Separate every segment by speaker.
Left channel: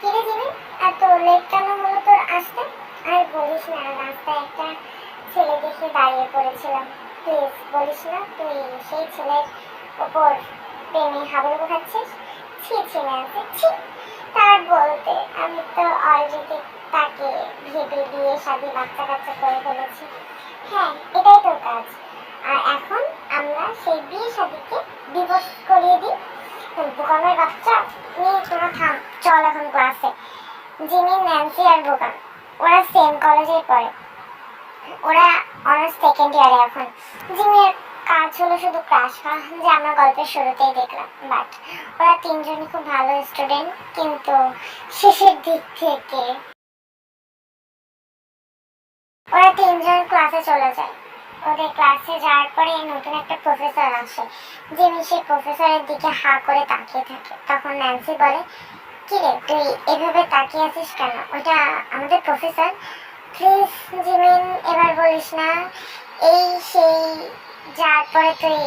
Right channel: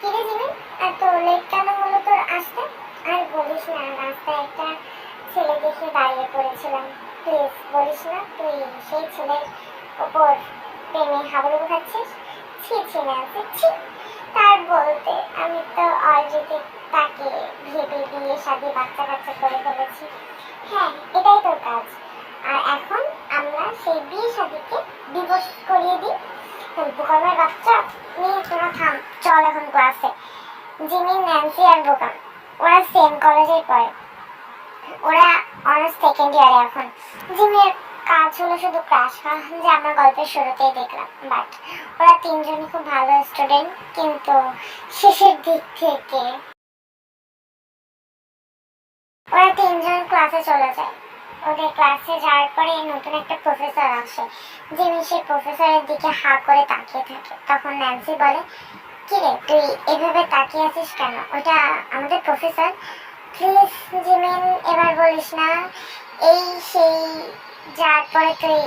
Speaker 1: কিরে জিমি এত লেট কেন হলো তোর আসতে? আর বলিস না, রাস্তায় একটা ছেলে দেখে দাঁড়িয়ে পড়েছিলাম। প্লিজ বলিস না, তুই সেই ছেলের ওপর প্রেমে হাবুডুবু খাচ্ছিস? ছি ছি ন্যান্সি ছি। তার বলতে আমি তো অলরেডি তাকে ভেবে বিয়ে শাদি বাচ্চা কাচ্চা করে ফেলেছি। হ্যাঁ এটাই তোর কাজ। আর এখন আমরা সেই বিয়ে শাদিকে ডিভোর্স করিয়ে দিই। বোকামের বাচ্চা? নিয়ে তোরা থাম, চল এখন ক্লাসে জিমি, ন্যান্সি আর বোকাম ওরা সেম কলেজেই পড়ে। ওরা অনার্স সেকেন্ড ইয়ারে এখন। জিমির কাজ হলো শুধু ক্রাশ খাওয়া যে আমরা গল্পের শুরুতেই দেখলাম। বাট ওরা তিনজনই খুব ভালো স্টুডেন্ট কিন্তু শেষের দিক থেকে ওরা তিনজন ক্লাসে চলে যায়। ওদের ক্লাসে যাওয়ার পরে নতুন একটা প্রফেসর আসে। জিমি সেই প্রফেসরের দিকে হা করে তাকিয়ে থাকে। তখন ন্যান্সি বলে, কিরে, তুই এভাবে তাকিয়ে আছিস কেন? ওটা আমাদের প্রফেসর প্লিজ জিমিন এবার বলিস না, এই সেই যার পরে তুই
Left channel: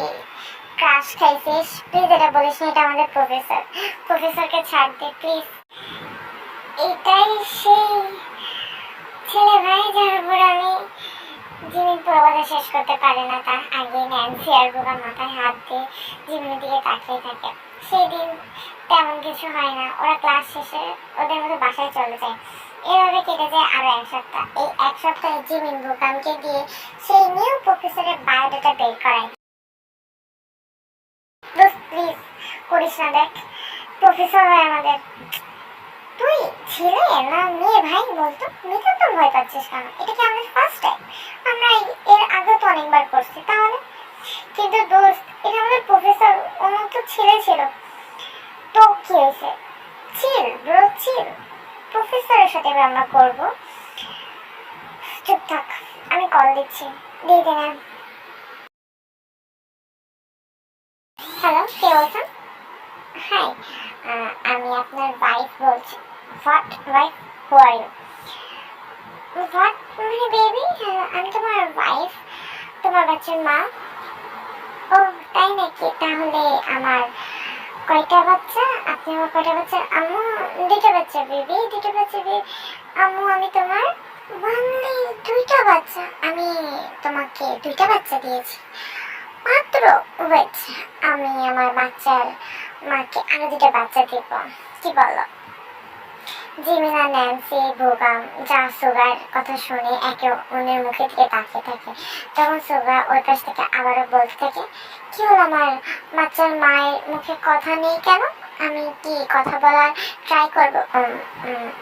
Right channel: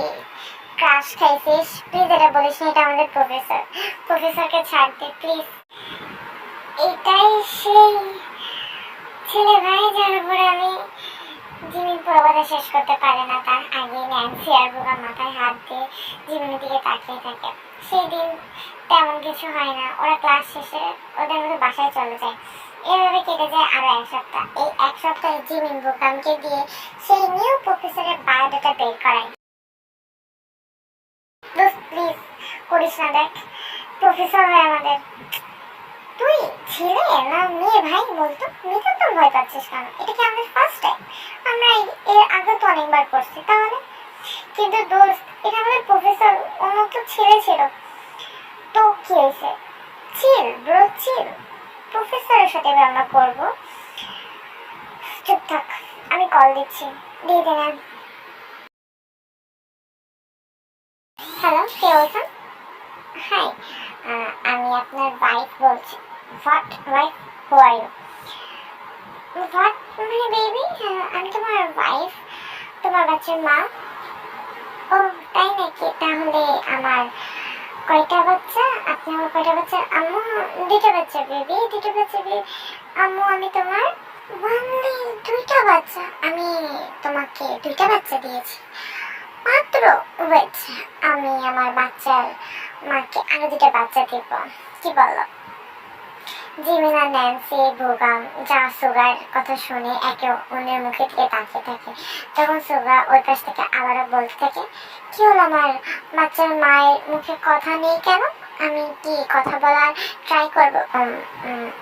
Speaker 1: ক্রাশ খাইছিস প্লিজ এটা বলিস না, এটা আমাদের প্রফেসর প্রফেসরকে ছাড় দে প্লিজ এটাই সেই ছেলে ভাই যার উপর আমি জিমিন পুরো শেষ করতে পারে না তার আগে ন্যান্সি আর বোকা মাথায় হাত দিয়ে জিমিনের দিকে তাকিয়ে থাকে। সেই দিন তেমন কিছু হয় না, ওরা ক্লাস শেষে ওদের মধ্যে বাসায় চলে যায়। এভাবে কেটে যায় আরও এক সপ্তাহ। এই এক সপ্তাহে জিমিন বোকামকে দিয়ে সেই নিউ প্রফেসরের বায়োডাটা বের করায়। প্লিজ, করিস না দেখ। প্রফেসর হয় আমাদের তুই ছেলে না, মেয়ে ভাই বলতো মেয়েটা তো ভয় পাচ্ছিস কেন? এটা কি আমাদের ফার্স্ট টাইম আমরা এর আগে তো অনেকবার করছি, তাহলে? কিন্তু দোস্ত, এটা আমাদের প্রফেসর অন্য তো ছেলে ছিল। তো কি হয়েছে? Chill bro chill. প্রফেসরের সাথে এবার আমরা করব। চুপ আমি কল দিচ্ছি, দিয়ে দে হ্যালো কে বলছেন? হাই আমি আপনার ওয়াইফ বলছি। What wife who are you what মানে বেবি আমি তোমার ওয়াইফ তোমার বাচ্চার মা ও তাই নাকি? তাহলে আমার কয়টা বাচ্চা? আপনি আমার কয়টা বাচ্চা? আম্মু, দুইটা বাচ্চা বেবি দুইটা বাচ্চা বেবি আম্মু, আমি তোমার অনলি দুইটা বাচ্চা। আমি তোমাকে দুইটা বাচ্চা দিয়েছি। মাত্র? ওয়েট আমি আমার বাচ্চার মাকে আরও দুটো বাচ্চা দিব। কি বলো? জিমিনা, ন্যান্সি, ভোগাম যা সুগার কথা শুনে একে অন্যের মুখে দিকে তাকিয়ে থাকে। তখন সুগা ওই পাশ থেকে আবারও বলতে থাকে, কি হলো আমার? বাচ্চার মায়ের মুখে কথা নেই কেন? আমি কি কথা বলার ট্রাই করব?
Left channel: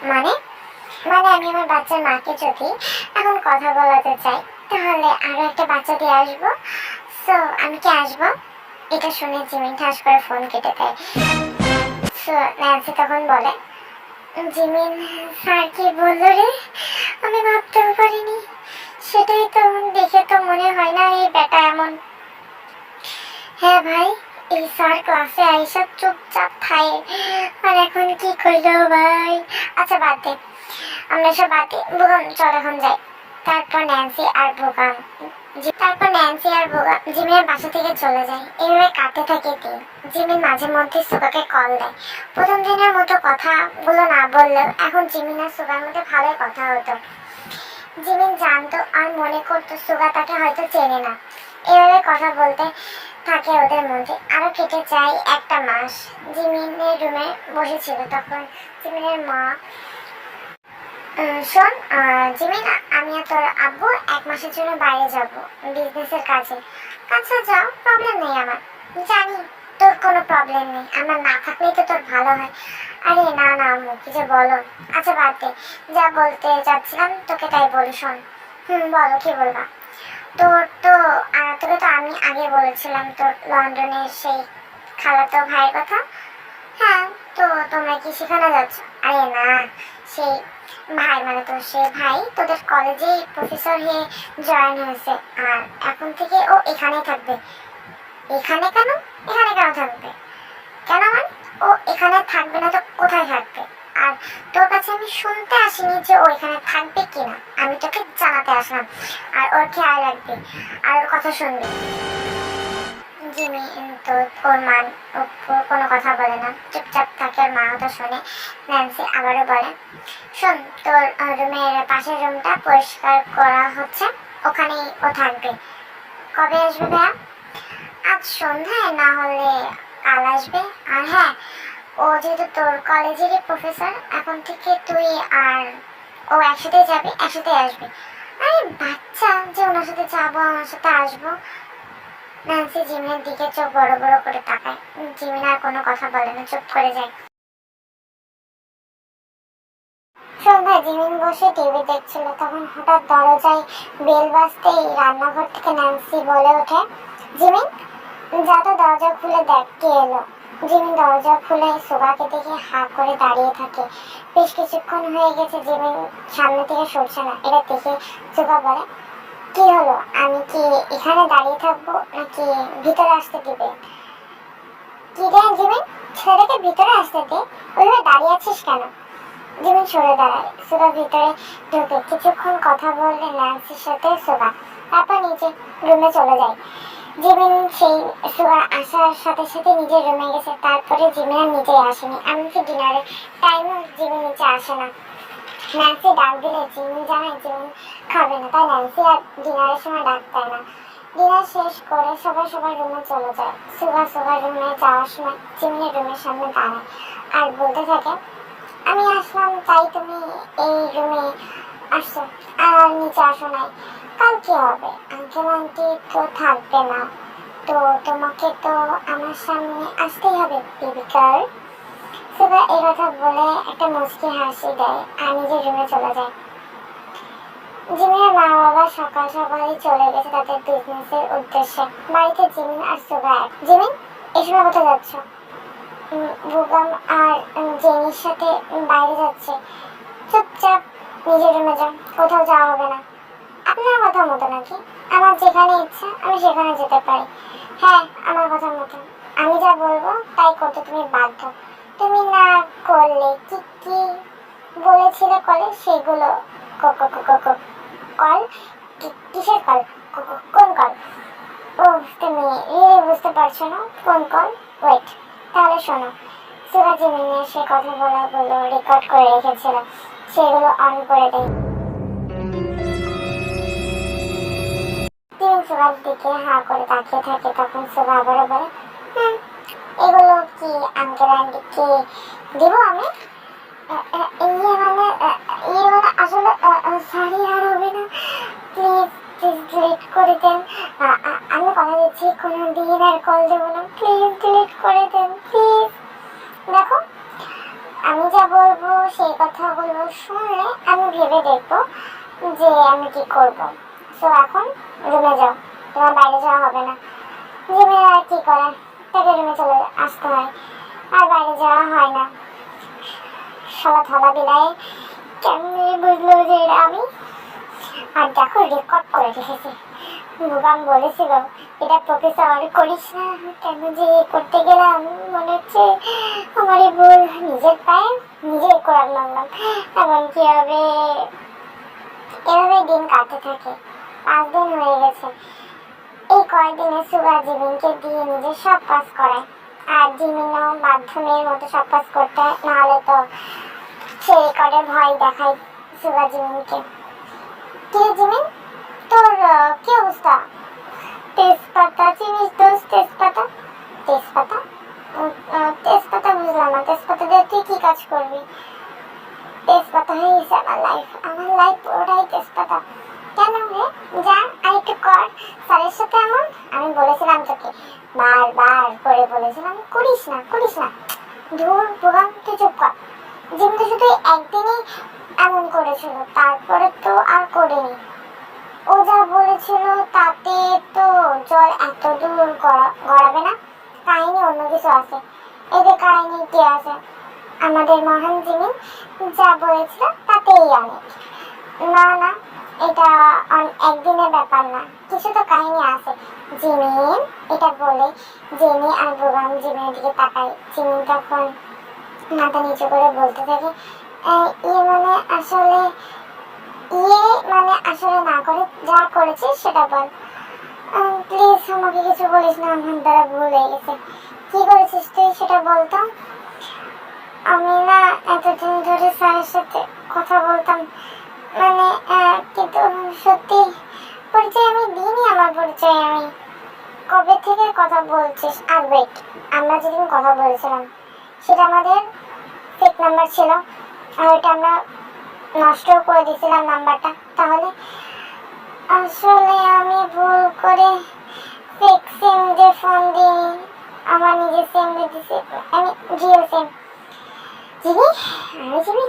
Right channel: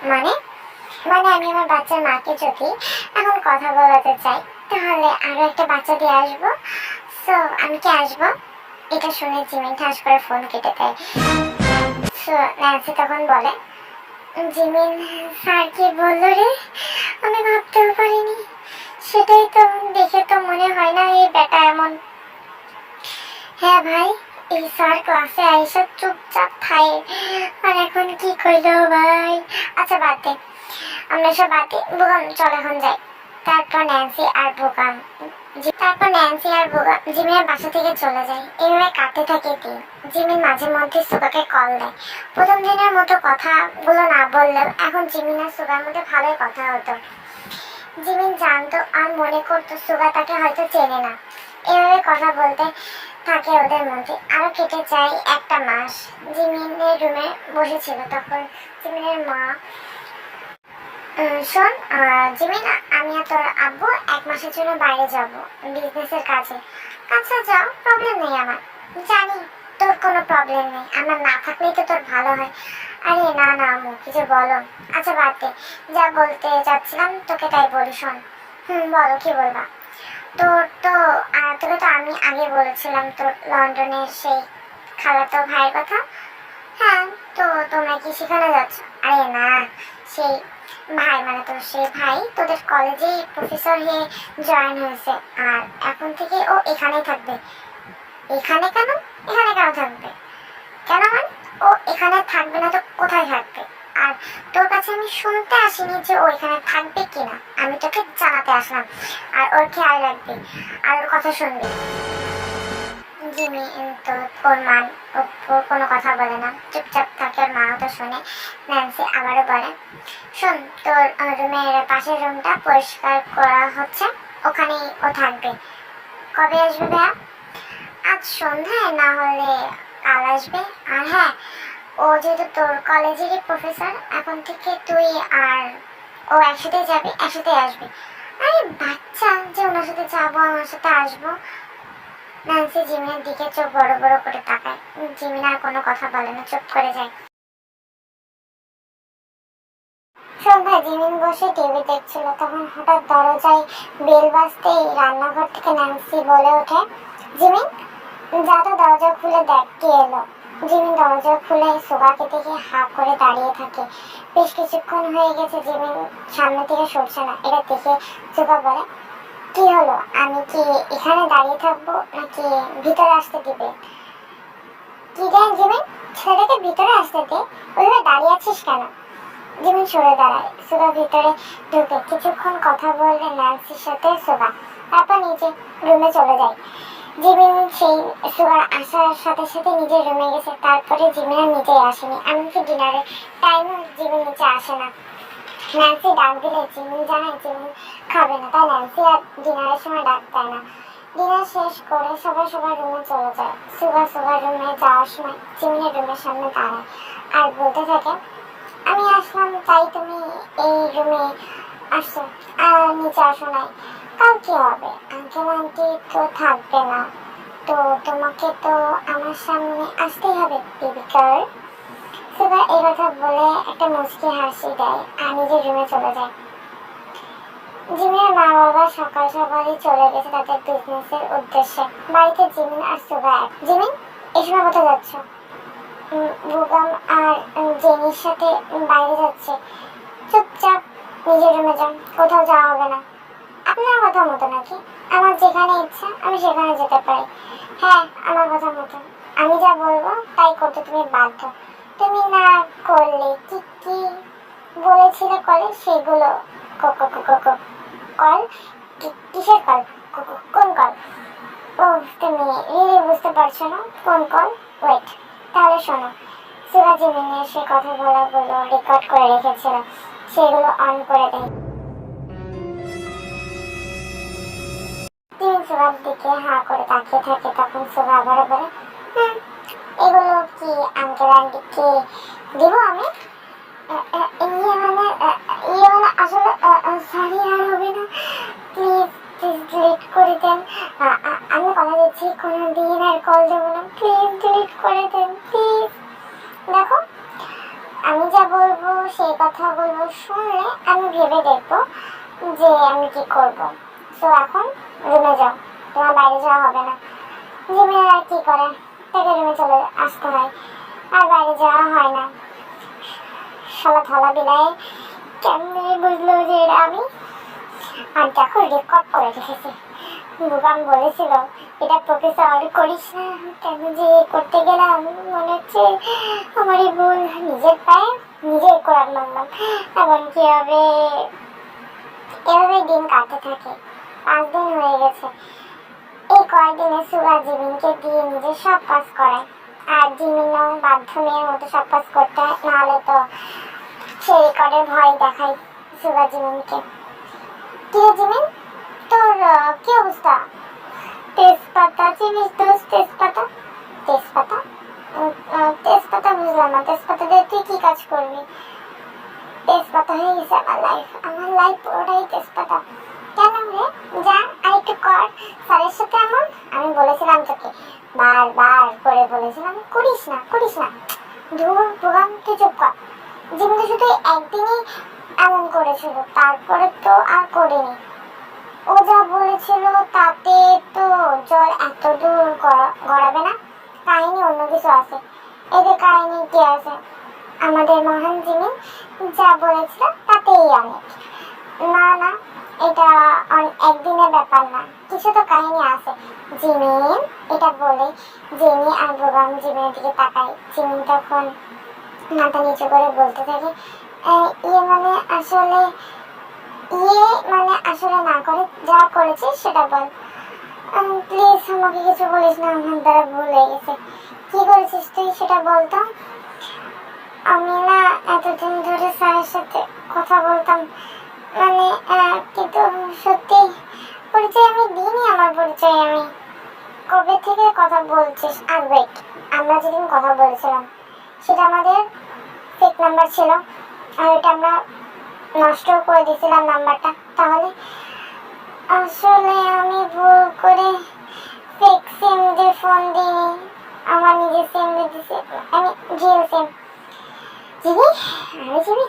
Speaker 1: মানে? মানে আমি আমার বাচ্চার মাকে যদি এখন কথা বলাতে চাই, তাহলে আরও একটা বাচ্চা দিয়ে আসব? সো আমি কি আসব? এটা শুনে জিমিন ঠাস করে ফোন কেটে দেয়। সো ন্যান্সি তখন বলে জিমিন স্যার কি বলল রে, আমি ভাবতেও পারিনি। সেটাই তো দেখে তো মনে হয় না এই বেটা এমন। হ্যাঁ ভাই, এই স্যার ক্লাসে আইসা চুপচাপ খায় আর এখন কি কইলো ভাই? আচ্ছা বাদ দে। আমরা সব বাদ দিই বুগাম চল এখন যাই। তারপর ন্যান্সি আর বুগাম জি- তারপর ন্যান্সি আর বুগাম জিমিনের বাসা থেকে চলে যায়। এইভাবে কাটতে থাকে দিন। জিমিন মাঝে মধ্যে সুগাকে কল দেয়। প্রথম দিনের মতো কথাগুলো না বললেও এখন জিমিন আর সুগার মধ্যে ভালোই কথা হতো। জিমিন জানতো আর মনে করতো সুগা তাকে হয়তো চেনে না। এভাবে কথা বলতে থাকে ওদের মধ্যে। আরও কেটে যায় একটা মাস। জিমিনের রুমে বসেছিল তখন। জিমিনের মা শোন জিমিন, আমি আর তোর আব্বু এক মাসের জন্য বাইরে যাব বিজনেসের কাজে। আচ্ছা যাও প্রবলেম নেই আমার। জানি, তোর কোনো প্রবলেম নেই, আমার না থাকলেই তো তোর ভালো হয়। আরে, না না, আম্মু, কি যে বলো। আচ্ছা বাদ দে, যা বলতে যাচ্ছিলাম, তোকে তাই বলি, শোন। হুম, বলো, কি বলবা? তোর তো তোকে তো আমি আগে বলেছিলাম, তোর লন্ডনের সেই খালাতো ভাইয়ের কথা। হ্যাঁ তো তোমরা কি সেখানে যাচ্ছ? আরে, না, সেই ভাই মানে তোর সেই ভাই, তোদের কলেজে প্রফেসর হয়ে জয়েন হয়েছে। আর এখন থেকে ও এখানেই থাকবে। এখানে কেন? এখানে কেন থাকবে? কেন মানে? ও এখানে থাকবে না তো কোথায় থাকবে? আর তোর কাছে আমি শুনতে আসিনি যে ও এখানে থাকবে কিনা। আমি তোকে জানাতে আসলাম। আর ওর খেয়াল রাখবি। আর ওর কথা শুনবি। জিমি তো ওর মা ও- ও কোনো কথা বলে না, চুপচাপ থাকে, ওর মা তো শোনে, ন্যান্সি আবারও বলে, শোন, তোর রুমের পাশের রুমটা পরিষ্কার করা হচ্ছে, ওখানেই ও থাকবে। কবে আসবে ভাইয়া? আজ সন্ধ্যায়, না হলে কাল আসবে। আর হ্যাঁ ও যেহেতু তোর কলেজেরই প্রফেসর, এখন থেকে তুই আর ও একসাথে যাবি একসাথে আসবি। আরে বাচ্চা, যে ওনার সাথে যাব, আমার সাথে আসব ন্যান্সি জিমিনের দিকে চোখ বড় বড় করে তাকায়। জিমিন আর কোনো কথা বলে না, চুপ করে যায়। জিমিন বসে টিভি দেখছিল, তখন হঠাৎ দরজায় বেল বাজতেই রান্নাঘর থেকে ন্যান্সি বলে ওঠে, জিমিন, যা দরজা খুলে দেখ, কে এলো? জিমিন দরজা খুলে সুগাকে দেখে হা করে দাঁড়িয়ে থাকে। বেশ কিছুক্ষণ হয়ে গেছে জিমিন সামনে থেকে সরছে না, এটা দেখে সুগা বলে কি হলো? আমি কি এখানে দাঁড়িয়ে থাকব নাকি ভিতরে আসতে দিবে? কি রে জিমিন? ছেলেটাকে ভিতরে আসতে দে। ওইভাবে দাঁড়িয়ে আছিস কেন? জিমিন, সরে দাঁড়ায়। সুগা ভিতরে ঢুকে কিছুক্ষণ কথা বললে ন্যান্সির সাথে সুগা তারপর নিজে রুমে চলে যায়। জিমিন সেই সুগার আসার সাথে সাথে নিজের রুমে গেছে। তারপরে জিমিন আর নিচে আসেনি। এমনকি ডিনারের টাইমও জিমিন নিচে আসে না। ন্যান্সি ডাক দিলে জিমিন জানায় জিমিন খাবে না। তাই ন্যান্সি আর ডিনারের সময় ডাক দেয় না। ডিনার শেষ করে সবাই সবার রুমে চলে যায়। সুগা সুগার রুমে যাওয়ার সময় জিমিনের রুমের সামনে দাঁড়ায় আর বলতে থাকে, আমি আসলাম, তাই তুমি এই রুমে আসছো। আর নিচে আসো নাই। কাল কি হবে? আঙ্কেল আন্টি তো থাকবে না। তো তোমাকে তো আমার সামনে আসতেই হবে বেবি সুগা এই কথা বলে একটা মুচকি হাসি দেয় আর নিজের রুমে চলে যায়। জিমিনের মা বাবা সকাল সকালই চলে গেছে তাদের বিজনেসের উদ্দেশ্যে। বাড়িতে জিমিন আর সুগা এক। জিমিন এই সময় কোথায় যাচ্ছ? বুগাম আর জেনির সাথে বাইরে যাচ্ছে। চুপচাপ নিজের রুমে যান, কোথাও যাওয়া হবে না। আপনার কথা মতো নাকি? আমার যেখানে ইচ্ছা, আমি সেখানে যেতে পারি। হ্যাঁ আমার কথা মতো। আমি যা বলব, তাই করতে তুমি বাধ্য। তুমি না করলে কি কি বলেছিলে কলে? সেগুলো কল? কিসের কল? কোন কল? ও, তুমি রিয়েলি বুঝতে পারছ না কোন কল? ওয়েট তাহলে শোনো। সুরাজি মিনে সে কথা বলাগুলো রেকর্ড করে রেখেছিল। সেগুলো অন করে দেয় তিন সুগার দিকে হা করে তাকিয়ে থাকে, তখন সুগা আবারও বলে, হুম, এগুলো কি আঙ্কেল আন্টিকে দিব আমি। ইয়ে মানে ইয়ে মানে আসলে সরি আর হবে না। প্লিজ প্লিজ ডিলিট করে দেন। আমি কথা দিচ্ছি, কোনো দিন আর কল দেবো না। প্লিজ ডিলিট করে দেন, প্লিজ। দেখো, আমি যা বলব, সেই কথাগুলো শুনলে আমি ভেবে দেখব যে আমি কি করব। তো এখন রুমে যাও, তোমার বাইরে যাওয়া হবে না। জিমিনের আর কি করে তাকে রুমে চলে আসতে হয়। আর বাইরে যাওয়া হয় না। শালা থালা বিলায় কেমনি বুঝলো যে এটা আমি? আর দেখো রেকর্ড করে রেখেছে। বুবাম বলেছিল, এটা প্রফেসর করিস না, কেন যে করতে গেলাম? মনে হচ্ছে আমারই ভুল। নিজের পায়ে নিজেই কোরআন মানলাম। এখন কি হবে? এভাবে দিন কাটতে থাকে। পাঁচ দিন হয়ে গেছে। এই কয়েকদিনে সুগা জিমিনকে দিয়ে নিজের সব কাজ করায়। আর জিমিনও বাধ্য মেয়ের মতো সব কাজ করতে হয়, নাহলে তো সে রেকর্ডের ভয় দেখায় সুগা জিমিনকে কিরে জিমিন তোর কি অবস্থা? তেজপাতা চিনিস দোষ তেজপাতা? তেজপাতা? তেজপাতা বুঝলাম না, তেজপাতা দিয়ে তুই কি কাজ করবি? তেজপাতা হয়ে গেছে আমার লাইফ আমার লাইফ পুরোটাই তেজপাতা। কেন রে? যা আর একটু কর। স্যারের সাথে এমন? আমি বলেছিলাম তোকে। বারবার করে বলেছিলাম, করিস না করিস না। ধুর প্রোগ্রাম তুই চুপ কর। জিমটা শুধু একদিনই এমন করেছিল, তারপরে তো আর করিনি। ও যা বলেছিল, তাতে তো জল এত দূর গড়া- গড়াবে না। কাহিনী অন্য কিছু আছে। এদের কাহিনী কি আছে? আমাদের মহান জিমিন যা বলেছিল, তাতেই অনেক। না না এটা একদিনের ব্যাপার না। কিছু তো কাহিনী আছে। জিমিন এটা বলে জেনি আর বোগাম জিমিনের দিকে তাকায় জিমিন তখন মাথা নিচু করে বলতে থাকে ইয়ে মানে আসলে ইয়ে মানে আসলে না করে, যা করেছিস সেটা বল। প্লিজ আমাকে কিছু বলিস না, আমার দ্বারা ভুল হয়ে গেছে। কি করেছিস তুই সেটা বলতো আমি না এতদিন ধরে স্যারের সাথে কথা বলতাম মানে কিন্তু সত্যি পরিচয় আমি দিইনি, আমার পরিচয় আমি। কবে থেকে কথা বলছিস? আর ওয়েট আমরা যেদিন কথা বলেছিলাম, সেটা আমাদের ফেক নাম্বার ছিল। আর ওটা আমরা নষ্ট করে দিয়েছিলাম নাম্বারটা তাহলে আসলে আমি ভুল করে ফেক সিম দিয়ে ফোন দিই আমার নিজের সিম দিয়ে দিছি আমি জিও সিম জিবি আমি জিবি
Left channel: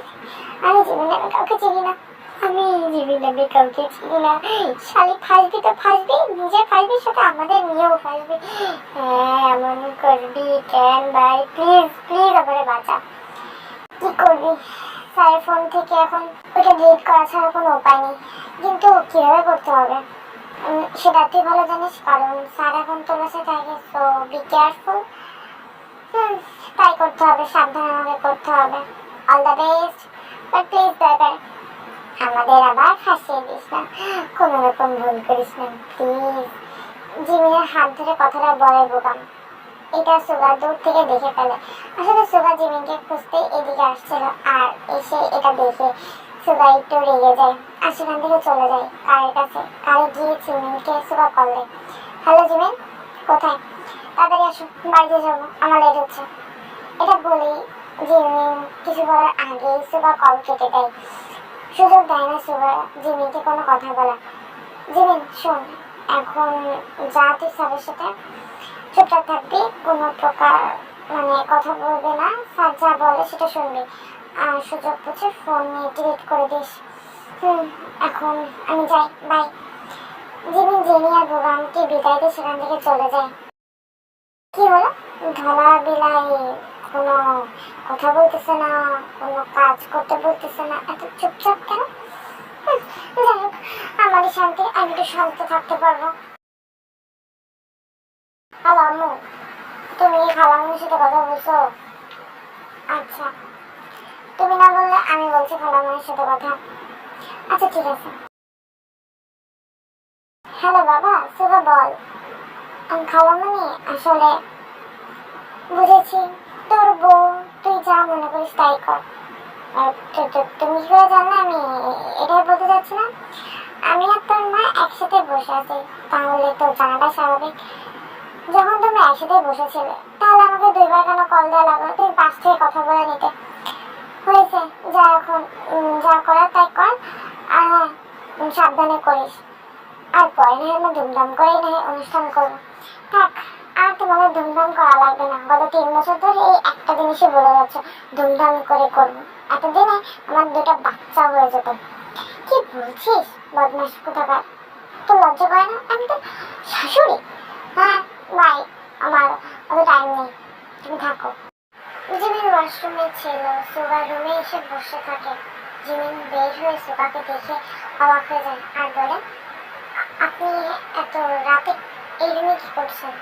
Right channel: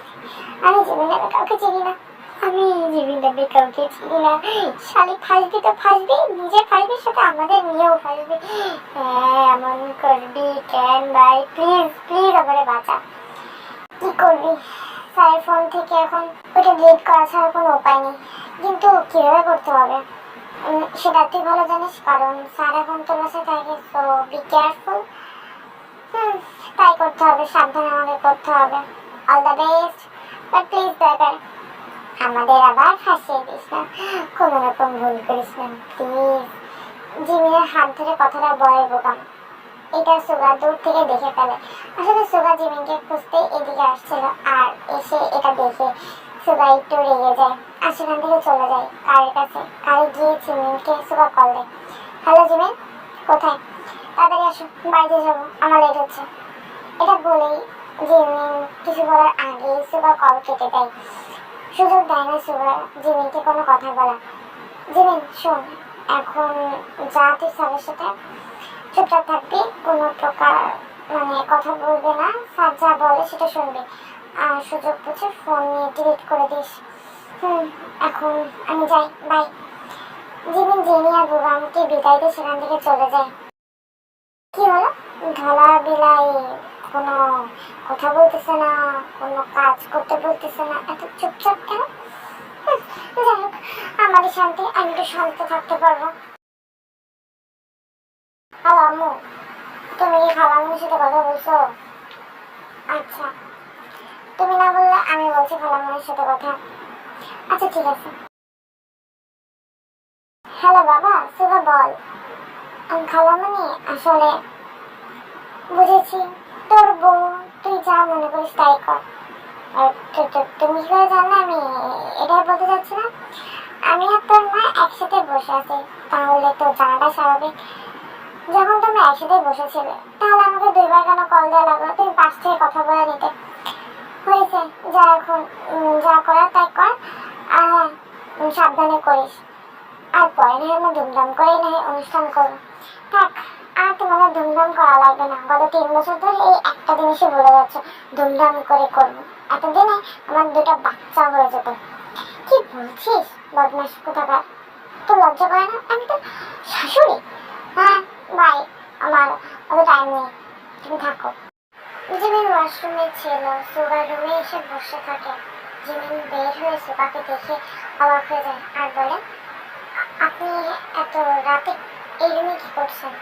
Speaker 1: আমি জিবি নামে কাউকে চিনি না। আমি জিবি নামে কাউকে চিনি না। শালি ফাঁসবি তো ফাঁসবি, নিজে ফাঁসবি, সাথে আমাদের নিয়েও ফাঁসবি। হ্যাঁ এমন করবি কেন ভাই? প্লিজ প্লিজ আমারে বাঁচা। কি করবি? স্যারের ফোন থেকে এখন ওটা ডিলিট করা ছাড়া কোনো উপায় নেই। কিন্তু কীভাবে করতে হবে? সেটা তুই ভালো জানিস, কারণ স্যার এখন তোর বাসায় থাকে সো বি কেয়ারফুল হুম, তাই করতে হবে, সাবধানে আমাকে করতে হবে। All the best but please দরকার আমাদের আবার ফাঁসিয়ে দিস না। কোনো রকম ভুল করিস না প্লিজ জিমিনের হাত ধরে কথাটা বলে বোকাম। এটা সুগা দূর থেকে দেখে ফেলে। আসলে সুগা জিমিনকে খুঁজতে এদিকে আসছিল আর এসে এটা দেখে সুগা একটু রেগে যায় আর সেখান থেকে চলে যায় কারের কাছে। কারে গিয়ে জিমিনকে সুগা কল দেয়, হ্যালো জিমিন, কোথায়? তাড়াতাড়ি আসো, বাড়িতে যাব, আমার লেট হচ্ছে। এটা বলেই জিমিন কিছু বলার আগে সুগা কল কেটে দেয়। সুযোগ দেয় না সুগা জিমিনকে কোনো কথা বলা। জিমিন, শোন, এখন যা তুই স্যারের সাথে চুপচাপ থাকবি, কোনো প্রকার মানে কথা বলবে না, স্যার যা বলে সেটা শুনবি। আর সুযোগ বুঝে ফোন নিয়ে ডিলিট করে দিস। হুম, এখন আমি যাই বাই জিমিন, জেনি আর বুবামকে বিদায় দিয়ে সেখান থেকে চলে যায়। কি হলো? ধলা বিলাই কোনো কথা বলতেছে না কোনো কাজ করতে বলতেছে না। এত চুপচাপ কেন? হুম, যাই হোক শান্তি আমি একটু শান্ত থাকতে পারব। হ্যালো আম্মু তুমি কি খালাম্মুর সাথে কথা বলছো? আচ্ছা তুমি না বললে আমি বলছি খালাম্মুর সাথে কথা। আচ্ছা ঠিক আছে। হ্যালো বাবা সুগা বল। আমি খালামণি আসলে বুঝেছি। তোর বউ তুই যা মনে করিস তাই কর। তুমি কি করে জানলে? আমি এটাই বলতে চাচ্ছি না। আমি আর তোর মা একসাথে বসে আছি, তাহলে তো জানাটা স্বাভাবিক। যখন তুমি একসাথে বসেছিলে, তাহলে আমাকে দুইবার কেন কল দেওয়া লাগল? তুমি পাশ থেকে কথা বলে নিতে। হয়েছে, যা এখন যা করার তাই কর। আর হ্যাঁ সাবধানে করিস। আর পরে না হয় আমরা ধুমধাম করেই না অনুষ্ঠান করব। থাক। আর তোমাদের ধুমধাম করা লাগবে না। গত তিন বছর ধরে এই একটা জিনিসই বলে যাচ্ছ ধুমধাম করে করব। এতদিনে আমার দুটো বাচ্চা হয়ে যেত। কি বলছিস বদমাস কোথাকার? তো লজ্জা করে না? আমি তো শাশুড়ি। হ্যাঁ বাই আমার অত টাইম নেই। তুমি থাকো। জিমিন ওয়াশরুমে ছিল, সুগার রুমে এসে বসে থাকে। জিমিন বের হয়ে সুগাকে দেখে অবাক হয়ে যায়। আর বলে আপনি এত রাতে এই রুমে কি করছেন?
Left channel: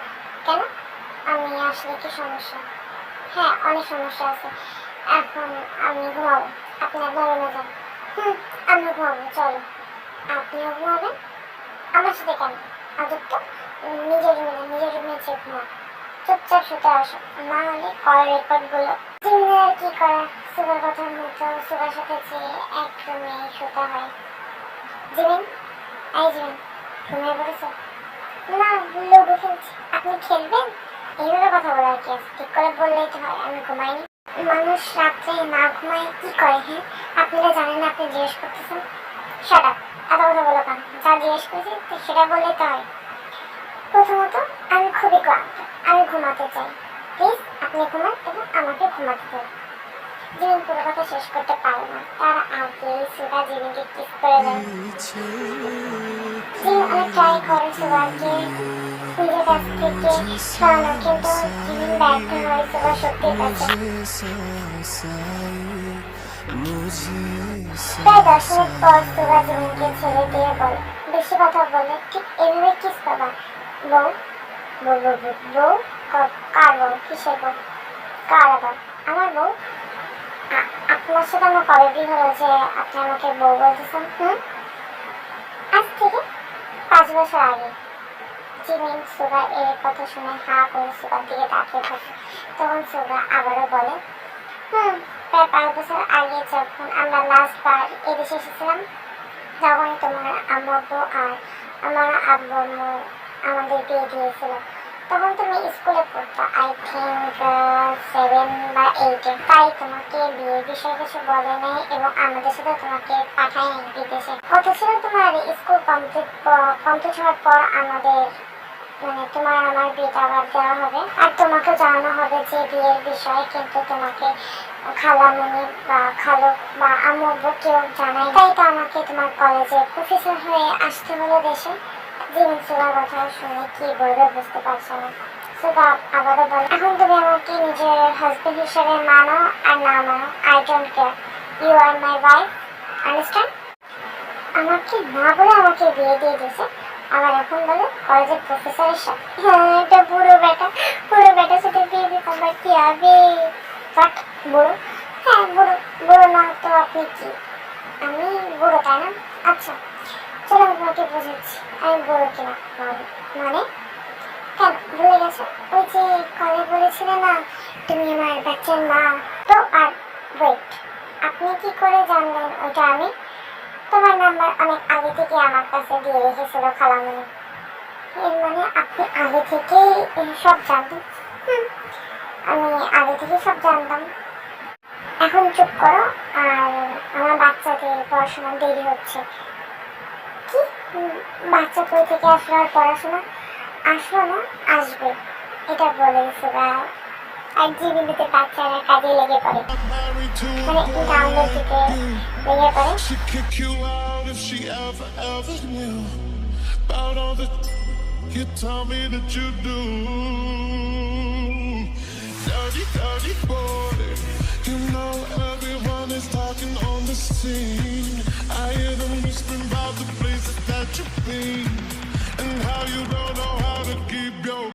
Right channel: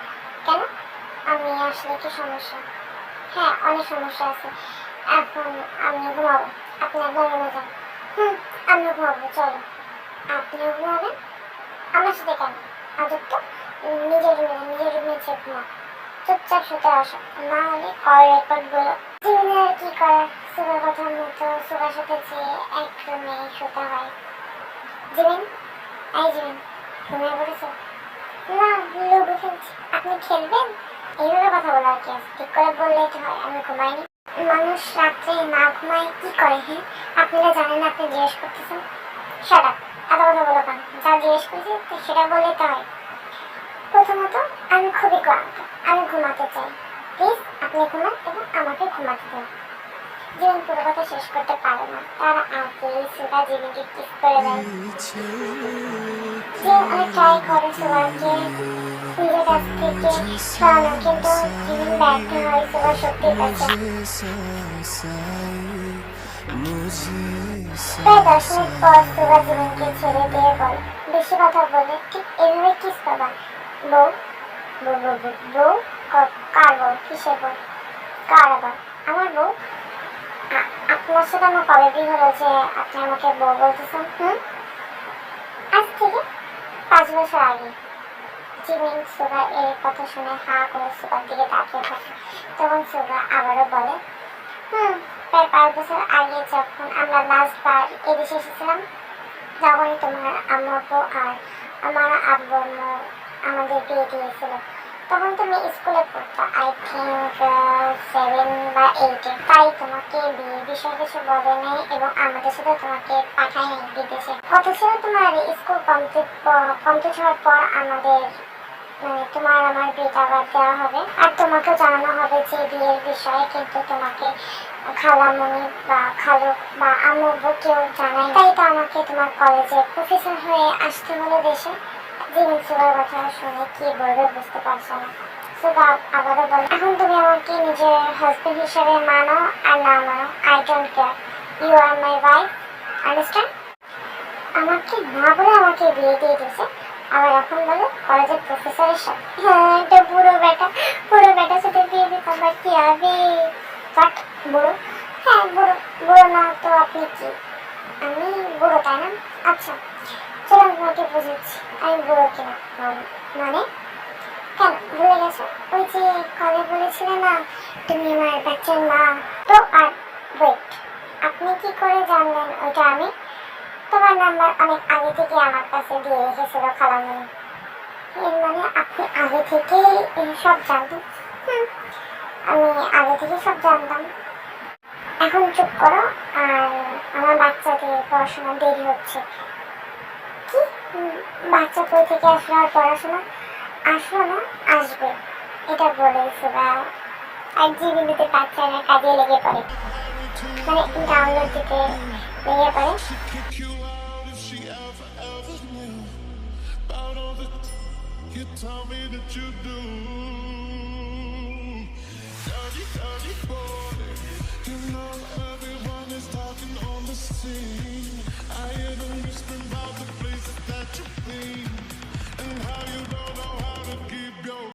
Speaker 1: কেন? আমি আসলে কি সমস্যা। হ্যাঁ অনেক সমস্যা আছে। এখন আমি ঘুমাবো। আপনি আপনার রুমে যান। হুম, আমিও ঘুমাবো, চলো। আপনিও ঘুমাবেন? আমার সাথে কেন? আদর তো? নিজের রুমে যান, নিজের রুমে যে ঘুমা চুপচাপ শুতে আসো। না হলে কল রেকর্ডগুলো জিমিনের আর কি করার? সুগার কথার মতো সুগার সাথে যে এক রুমে শুতে হয়। জিমিন? এই জিমিন, ঘুমিয়ে পড়েছো? না লুডো খেলছি আপনি খেলবেন? এইভাবে কথা বলার কি আছে। ঠিক করে বললেই তো হয়, আমি ঘুমাইনি। মানুষ রাত্রে না ঘুমায় কি করে হ্যাঁ? আপনারা জানেন আপনি জিজ্ঞেস করতেছেন। সেটা এত কথা বলো কেন? যা জিজ্ঞেস করেছি সেটা বললেই তো হয়। প্রথমত, আমি খুবই ক্লান্ত। আমি ঘুমাতে চাই। প্লিজ আপনি ঘুমান এবং আমাকে ঘুমাতে দিন। জিমিন পুরো কথা শেষ করতে পারে না। তার আগে সুগা জিমিনকে কিস করে দেয়। জিমিন অনেক ট্রাই করে সুগাকে নিজের কাছ থেকে সরানো কিন্তু জিমিন ব্যর্থ হয় সুগার শক্তির কাছে। প্রায় দশ মিনিট পর সুগা জিমিনকে ছেড়ে দিয়ে বলে, বেশি কথা বললে ঠিক এভাবে কিস পাবা বউ বউ বউ বউ, কার বউ? কিসের বউ? কার আবার? আমার বউ? আপনার সাথে আমার কবে বিয়ে হলো যে আপনি আমাকে বউ বলতেছেন, হুম? আজ থেকে পাঁচ বছর আগে জিমিন সুগা এর কথা শুনে হা করে সুগার দিকে তাকিয়ে থাকে, তখন সুগা আবারও বলে, হুম, প্রায় পাঁচ বছর আগে যখন আমরা লাস্ট বার এদেশে এসেছিলাম যখনই তোমার আম্মু আর আমার আব্বু আমাদের বিয়ে দিয়েছিল। তখন তুমি স্কুলে পড়তো। আই থিঙ্ক সেভেন বা এইটে তাই তোমাকে বিয়ে বিষয়ে কিছু বলে নেই এবং আমাদের সাথে তোমাকে পাঠায় বিদেশে। ছিল তোমার স্কুল কমপ্লিট কমপ্লিট হওয়ার পর আমাদের মানে তোমার আমার বিয়েটা আবার দেওয়া হবে। আর তোমাকেও জানানো হবে যে বিয়ের বিষয়ে কিন্তু তোমাকে খালামণি বা খালু বা আম্মু কেউ জানাই তাই তো আমাকে তোমার কলেজে প্রফেসর হয়ে আসতে হলো দেশে জীবন সুগার কথা শুনে কি বলবে বুঝতে পারছ না। সুগা আবারও বলে, এখন তুমি আমাকে নিজের হাজবেন্ড হিসেবে মানো আর না মানো I don't care you are my wife understand আমাকে না বলে আমাকে বিয়ে দিয়ে দিয়েছে। আবার এখন বলে কলেজের প্রফেসরের সাথে হ্যাঁ এটা বুড়ো বেটা। বুড়ো বেটার সাথে বিয়ে দিতে আমার কি হবে? বাট বুড়ো? হ্যাঁ বুড়ো। বুড়ো না, তো আপনি কি? আমি বুড়ো, তাই না? আচ্ছা। তোমাকে বুঝাচ্ছি। আমি বুড়ো কিনা? মানে- কেন? ভুলে গেছো? ওই যে কলে বলেছিলে না, তুমি আমার বাচ্চার মা? তো আর ওয়েট আপনি কি করে জানলেন ওইটা আমি? তোমার নাম্বার অনেক আগে থেকে আমার কাছে দিয়ে রেখেছিল খালামণি এর মানে আপনি আগে থেকেই সব জানতেন? আমি আগে থেকে সব জানতাম। এখন চুপ করো, আর আমার বাচ্চাদের পড়াশোনা দেরি হচ্ছে। বাচ্চা কই থেকে আসলো আর পড়াশোনা আসলো না আসবে এটা বলে সুরা আর জীবনীতে বাচ্চারা কাজে লেগে পড়ে মানে ডাউনলোড দিতে লেগে পড়ে
Speaker 2: you tell me that you do. Dirty, dirty boy. You know everyone someone is talking on the scene. I hear them whispering about the places that you've been and how you don't know how to keep your